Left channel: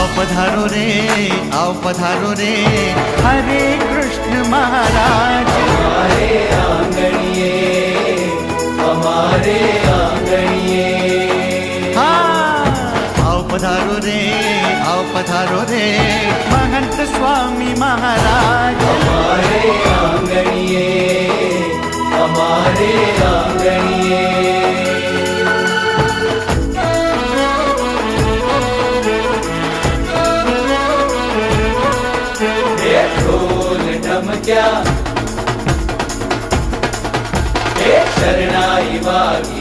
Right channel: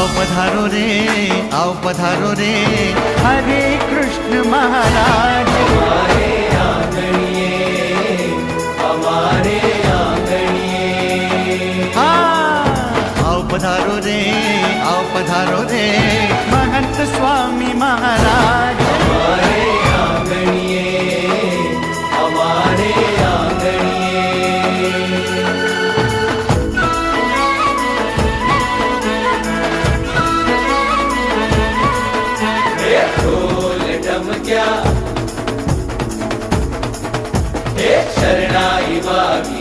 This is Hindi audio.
आओ पधारो रे हरे कृष्ण महाराज। हमारे आंगणिये, हमारे आंगणिये। हाँ, आओ पधारो रे महंत स्वामी महाराज। हमारे आंगणिये, हमारे आंगणिये। ढोल ढमक्या, शरणाई वागी